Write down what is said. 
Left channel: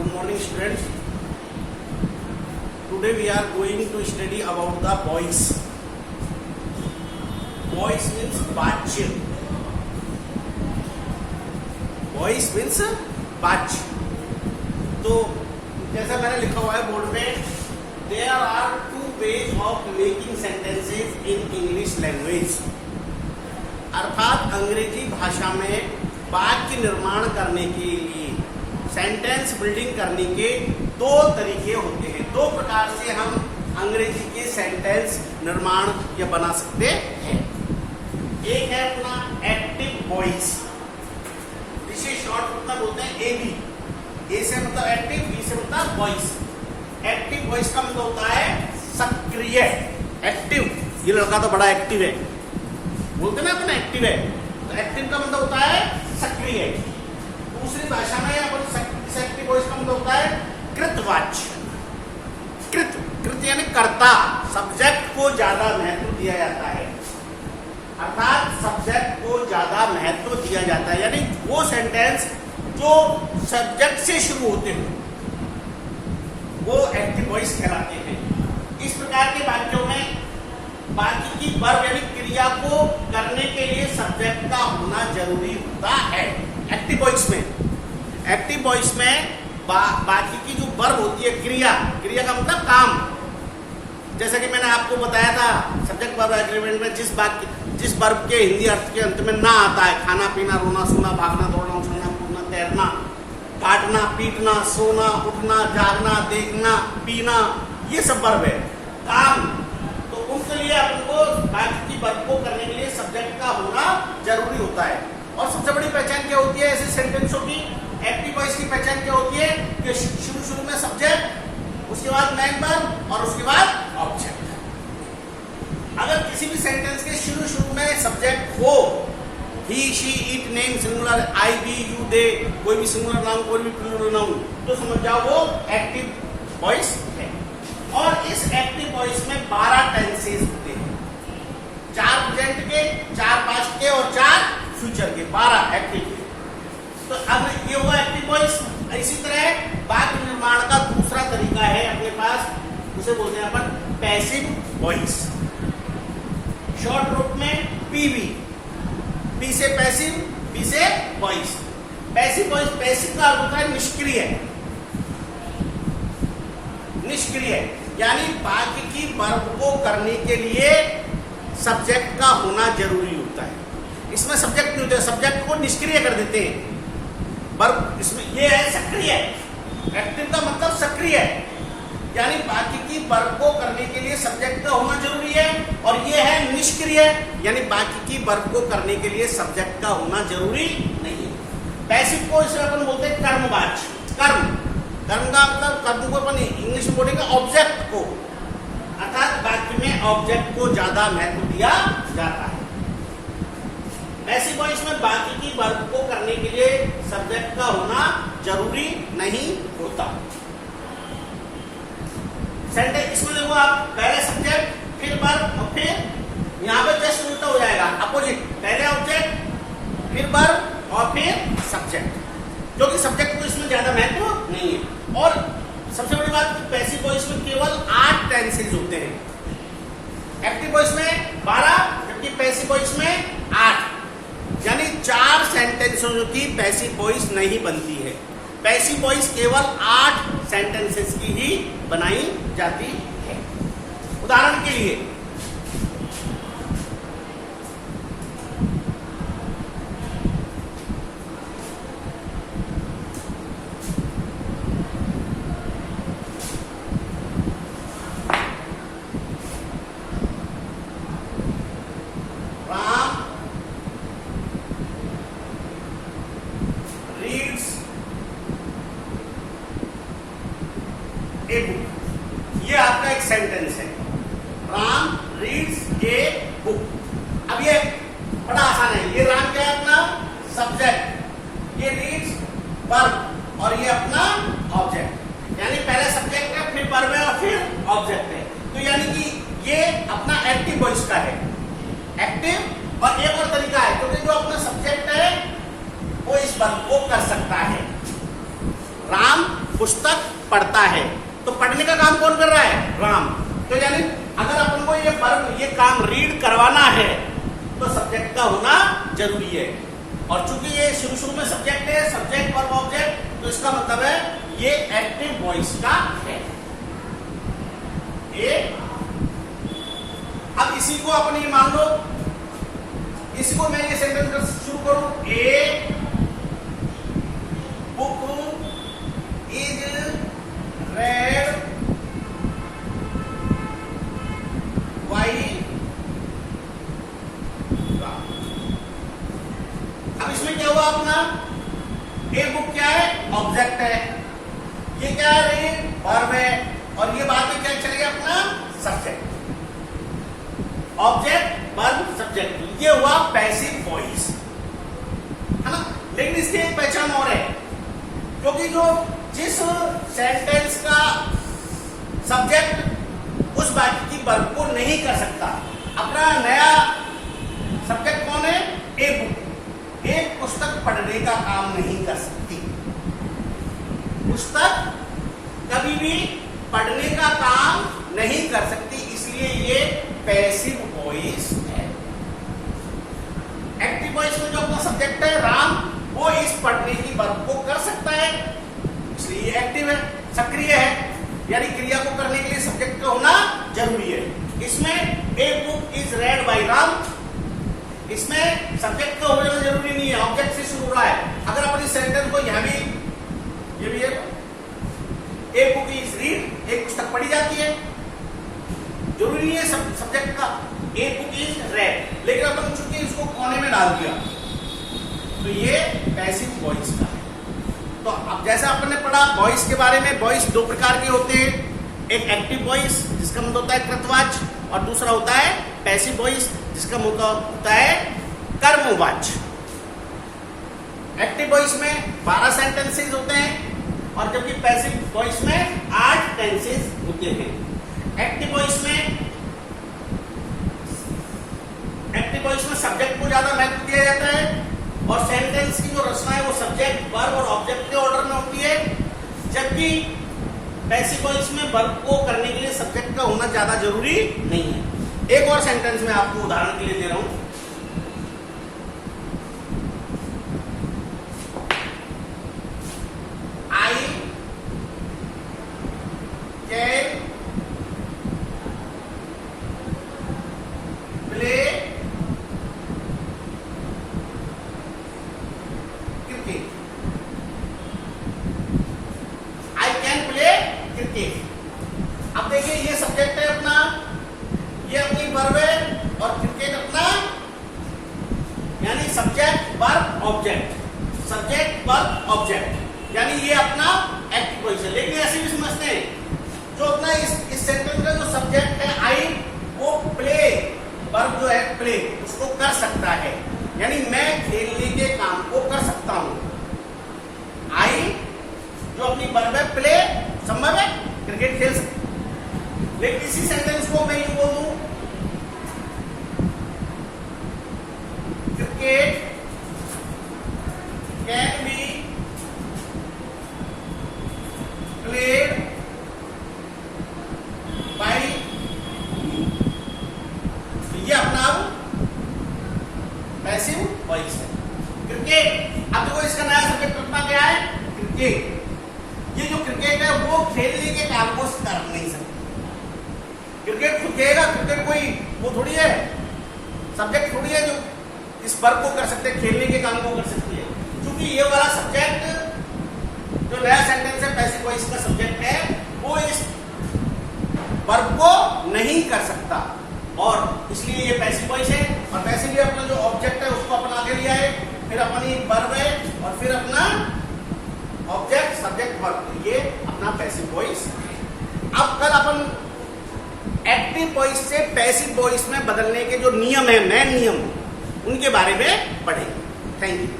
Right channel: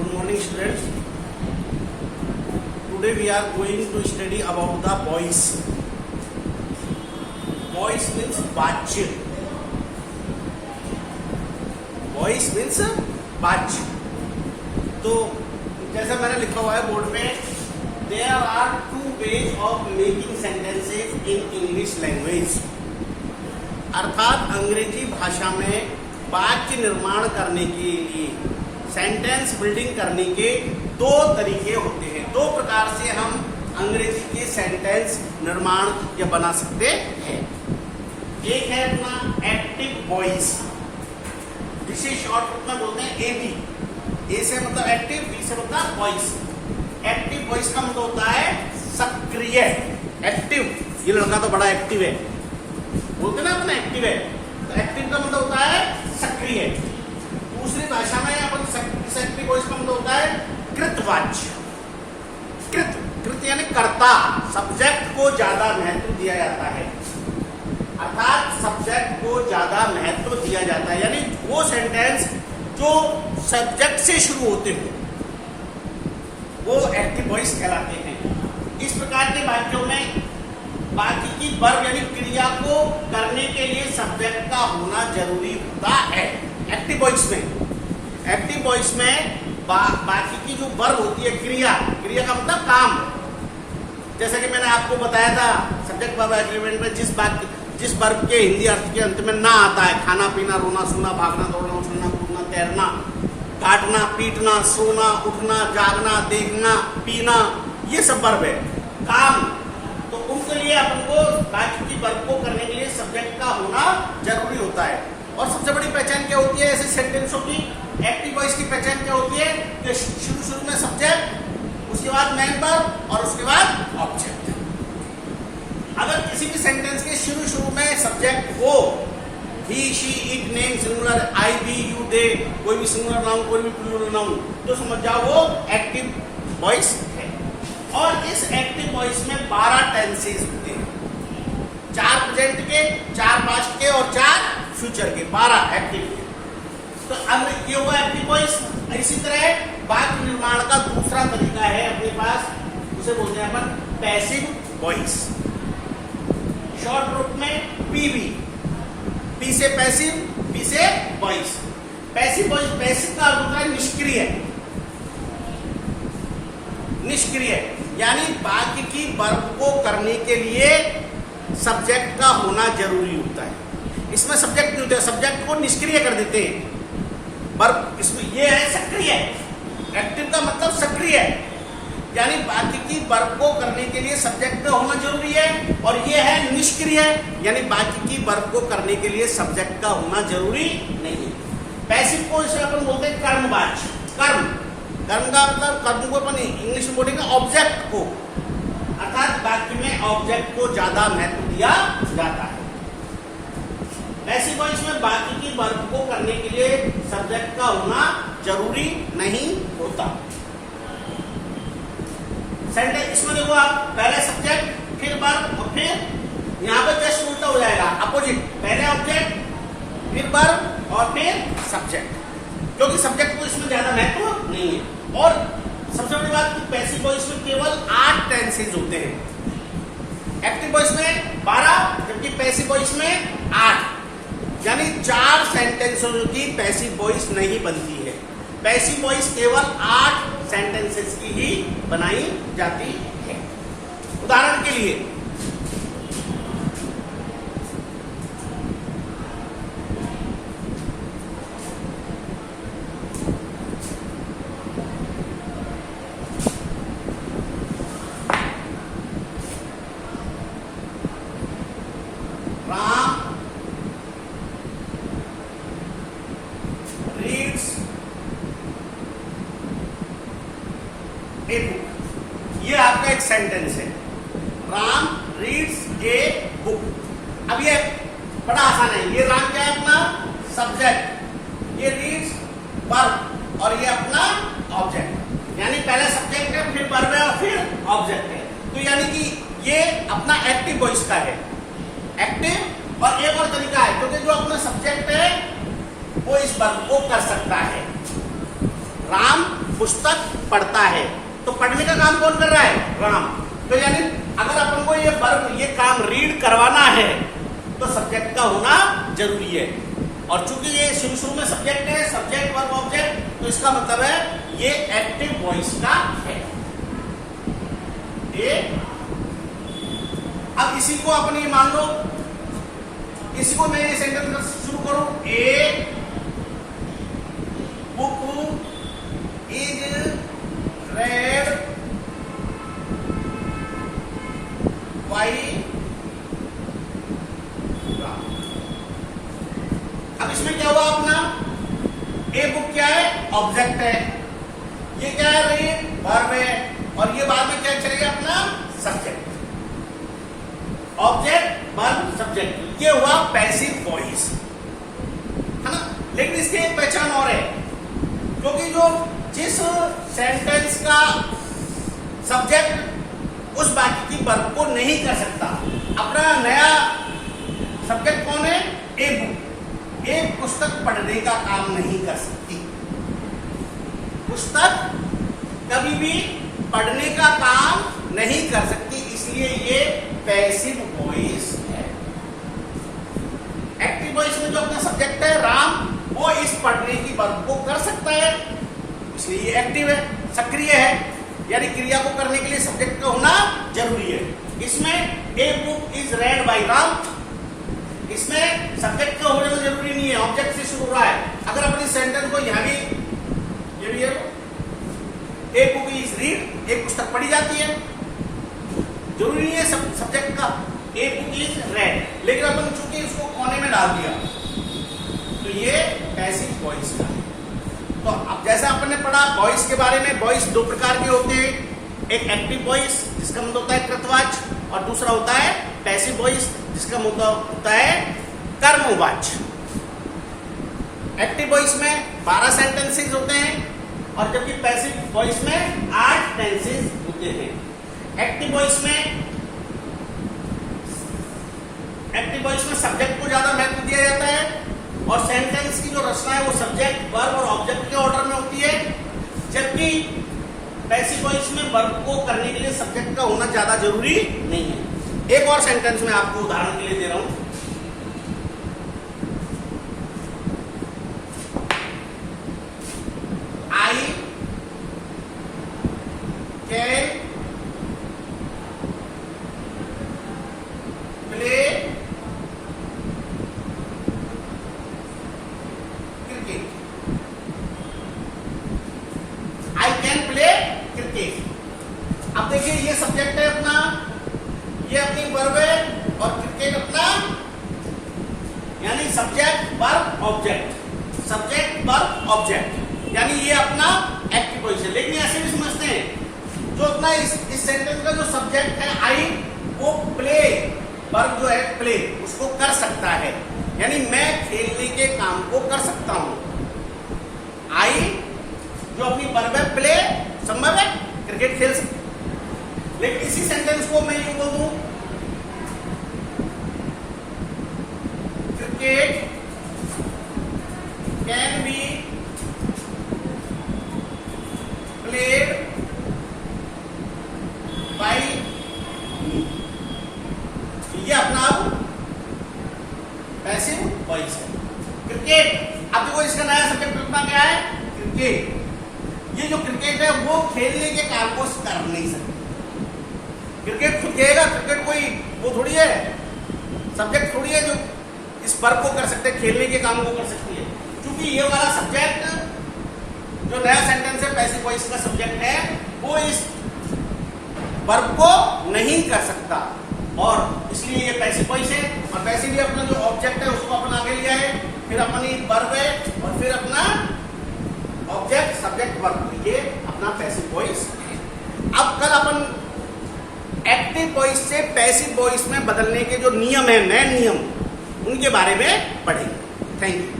Good morning, students. Today we are going to study about the boys. Boys means बच्चे. Boys means बच्चे. तो जैसा मैंने लिखा हुआ है बोर्ड पे, there are two ways of making sentences in English language. अर्थात अंग्रेजी भाषा में वाक्य निर्माण करने के लिए, सेंटेंस बिल्डिंग करने के दो तरीके होते हैं. दो प्रकार से हम अंग्रेजी के सेंटेंस निर्माण या बना सकते हैं. एक है अपना एक्टिव वॉइस, जिसे शॉर्ट रूप में बोलते हैं एबी. ए से मतलब एक्टिव, बी से मतलब वॉइस. एक्टिव वॉइस का मतलब होता है सक्रिय. एक्टिव, ये लड़का तो बड़ा एक्टिव है, बोलते ना अपना एक्टिव है, तो एक्टिव का मतलब होता है सक्रिय. दूसरी भाषा में अपन एक्टिव वॉइस का मतलब होता है कृतवाच्य. कृत यानी कर्ता, सब्जेक्ट को ज्यादा महत्व दिया जाता है. अर्थात सब्जेक्ट को ज्यादा महत्व दिया जाता है, यानी वो सेंटेंस जो सब्जेक्ट से शुरू होते हैं वो एक्टिव वॉइस कहलाते हैं. इस प्रकार के वाक्यों में बाकी की वर्ब यानी क्रिया को करने के लिए सब्जेक्ट का होना जरूरी होता है. एक्टिव वॉइस में बाकी की जो वर्ब होती है, क्रिया का मतलब काम. जैसा कि मैंने आपको बताया था सब्जेक्ट वर्ब एग्रीमेंट में, जिस वर्ब के हिंदी अर्थ के अंत में ना आता है, खाना पीना, रोना सोना, भागना दौड़ना, उछलना कूदना, तैरना, काटना पीटना, सोना उठना, जागना, देखना, पीना, ये सब वर्ब है. काम, तो उनके लिए अपन को बाकी की वर्ब को करने के लिए सब्जेक्ट का होना जरूरी होता है. और सबसे बड़ी पहचान क्या होती है ऐसे सेंटेंसों की? एक्टिव वॉइस की पहचान क्या होती है कि शुरू में सब्जेक्ट, उसके बाद मेन वर्ब और उसके बाद ऑब्जेक्ट. अगर किसी भी सेंटेंस के शुरू में सब्जेक्ट हो, he, she, it, name singular, I, we, you, they, कोई भी सिंगुलर नाउन, कोई भी प्लूरल नाउन, तो समझ जाओ वो एक्टिव वॉइस है. और इस एक्टिव वॉइस में 12 टेंसेस होते हैं. 4 प्रेजेंट के, 4 पास्ट के और 4 फ्यूचर के, 12 एक्टिव के. तो अब ये हुआ एक्टिव वॉइस. इसी तरह वाक्य निर्माण का दूसरा तरीका है अपने पास, उसे बोलते हैं अपन पैसिव वॉइस. शॉर्ट रूप में पीवी. पी से पैसिव, बी से वॉइस. पैसिव वॉइस, पैसिव का अर्थ होता है निष्क्रिय, यानी वाक्य की वर्ब को करने के लिए सब्जेक्ट का होना जरूरी होता है. इसमें सब्जेक्ट नहीं होता, सब्जेक्ट को निष्क्रिय कर देते हैं. वर्ब इसमें ये है सक्रिय. एक्टिव का मतलब सक्रिय, यानी बाकी की वर्ब को करने के लिए सब्जेक्ट का होना जरूरी है. और ये है निष्क्रिय, यानी बाकी की वर्ब को करने के लिए सब्जेक्ट का होना जरूरी नहीं है. पैसिव को इसे अपन बोलते हैं कर्मवाच्य. कर्म का मतलब कर्म को अपन इंग्लिश में बोलेंगे ऑब्जेक्ट को, अर्थात वाक्य में ऑब्जेक्ट को ज्यादा महत्व दिया जाता है. पैसिव वॉइस में बाकी की वर्ब को करने के लिए सब्जेक्ट का होना जरूरी नहीं होता. सेंटेंस इसमें देखो आप, पहले सब्जेक्ट, फिर वर्ब और फिर यहां पर जस्ट उल्टा हो जाएगा, अपोजिट. पहले ऑब्जेक्ट, फिर वर्ब और फिर सब्जेक्ट, क्योंकि सब्जेक्ट को इसमें ज्यादा महत्व नहीं है. और सबसे बड़ी बात, पैसिव वॉइस में केवल 8 टेंसेस होते हैं. एक्टिव वॉइस में 12, जबकि पैसिव वॉइस में 8, यानी 4 सेंटेंसों की पैसिव वॉइस नहीं बनती है. पैसिव वॉइस केवल 8 सेंटेंसेस की ही बनाई जाती है. उदाहरण के लिए, राम रीड्स ए बुक. ये आपका एक सेंटेंस है. Ram reads a book. अब ये बड़ा आसान है. ये राम क्या है? अपना सब्जेक्ट, ये रीड्स वर्ब और ये अपना ऑब्जेक्ट. यानी पहले सब्जेक्ट है, फिर वर्ब है और फिर ऑब्जेक्ट है. तो यानी कि ये अपना एक्टिव वॉइस का है. एक्टिव, और एक और तरीका है, क्योंकि जो अपना सब्जेक्ट है वो इस वर्ब को कर सकता है. राम पुस्तक पढ़ता है। तो पढ़ने का काम कौन कर रहा है? राम। तो यानी अगर अपन को ये काम रीड करवाना है तो सब्जेक्ट का होना जरूरी है। और चूंकि ये शुरू में सब्जेक्ट है, सब्जेक्ट वर्ब ऑब्जेक्ट, तो इसका मतलब है ये एक्टिव वॉइस का है। अब इसी को अपनी मान लो, इसी को मैं ये सेंटेंस शुरू करूं, a book is read by. अब इसमें क्या हुआ अपना, ए बुक क्या है? ऑब्जेक्ट है। ये क्या है भाई? वर्ब है। और ये बाद में क्या चलेगा अपना? सब्जेक्ट। ऑब्जेक्ट वर्ब सब्जेक्ट, ये हुआ पैसिव वॉइस, है ना। लेकिन इसकी एक पहचान और है, क्योंकि जो जिस सेंटेंस का सब्जेक्ट उस वाक्य की वर्ब को नहीं कर सकता, अपना नया सब्जेक्ट कौन है? A book. एक पुस्तक पढ़ने का काम नहीं कर सकती। पुस्तक कभी भी पढ़ने का काम नहीं कर सकती, इसलिए ये पैसिव वॉइस है। एक्टिव वॉइस में जो अपना सब्जेक्ट है राम, वो इस पढ़ने की वर्ब को कर सकता है, इसलिए ये एक्टिव है, सक्रिय है। यानी क्रिया को करने के लिए सब्जेक्ट का होना जरूरी है। इसमें a book is read by Ram, इसमें सब्जेक्ट का होना जरूरी नहीं है, ऑब्जेक्ट से शुरू हो रहा है। अगर अपनी सेंटेंस को यहां भी, ये भी है, ए बुक इज रीड, एक पुस्तक पढ़ी जाती है, जरूरी नहीं है सब्जेक्ट का। ए बुक इज रेड, लेकिन अपन चूंकि इसको कोने में डाल दिया तो ये पैसिव वॉइस का। तो अब जैसा अपन ने पढ़ा वॉइस के बारे में, वॉइस दो प्रकार के होते हैं, एक एक्टिव वॉइस जिसका मतलब होता है कृतवाच्य, और दूसरा होता है पैसिव वॉइस जिसका मतलब होता है कर्मवाच्य। एक्टिव वॉइस में 12 सेंटेंसेस होते हैं, और जबकि पैसिव वॉइस में 8 टेंसेस होते हैं। एक्टिव वॉइस में सब्जेक्ट को ज्यादा महत्व दिया जाता है, और सेंटेंस की जो रचना है वो सब्जेक्ट वर्ब और ऑब्जेक्ट के ऑर्डर में होती है। जबकि पैसिव वॉइस में वर्ब को करने के लिए सब्जेक्ट का होना ज्यादा जरूरी नहीं है। एक और सेंटेंस में आपको उदाहरण के लिए दे रहा हूं। I can play cricket. I can play cricket. अब देखिए ये सब्जेक्ट है अपना, ये अपनी वर्ब है, और क्रिकेट अपना, यानी subject verb object, subject verb object, यानी ये अपना एक्टिव वॉइस है। लेकिन ऐसे भी समझते हैं जो अपना इस सेंटेंस का जो सब्जेक्ट है आई, वो प्ले वर्ब जो है प्ले, उसको कर सकता है, यानी मैं खेलने के काम को कर सकता हूं। आई जो अपनी वर्ब है प्ले, संभव है क्रिकेट खेल सकता। लेकिन इसी सेंटेंस को मैं यूं बोल दूं, cricket can be played by me. ये अपना पैसिव वॉइस है। क्रिकेट, अब देखो इसका नया सब्जेक्ट अपना क्या है? क्रिकेट। ये जो क्रिकेट है वो खेलने के काम को कर नहीं सकती। क्रिकेट खुद खेलेगा, क्रिकेट कोई वो थोड़ी है, सब्जेक्ट थोड़ी है जो इस वर्ब को कर सकते हैं, खेलने के काम को कर सकती है। क्योंकि ये वाला सब्जेक्ट जो नया सेंटेंस है पैसिव वॉइस का सब्जेक्ट है, वो इस वर्ब को नहीं कर सकता, और इसलिए ये पैसिव वॉइस है। और वैसे भी अपना जो ऑब्जेक्ट है उसको अपन आगे लिया है, फिर अपनी वर्ब है, और फिर अपना ऑब्जेक्ट सब्जेक्ट वर्ब, ये अपना पैसिव वॉइस। अब कल अपन एक्टिव वॉइस से पैसिव वॉइस में बदलने के जो नियम है, मेन नियम, उनके बारे में पढ़ेंगे। Thank you.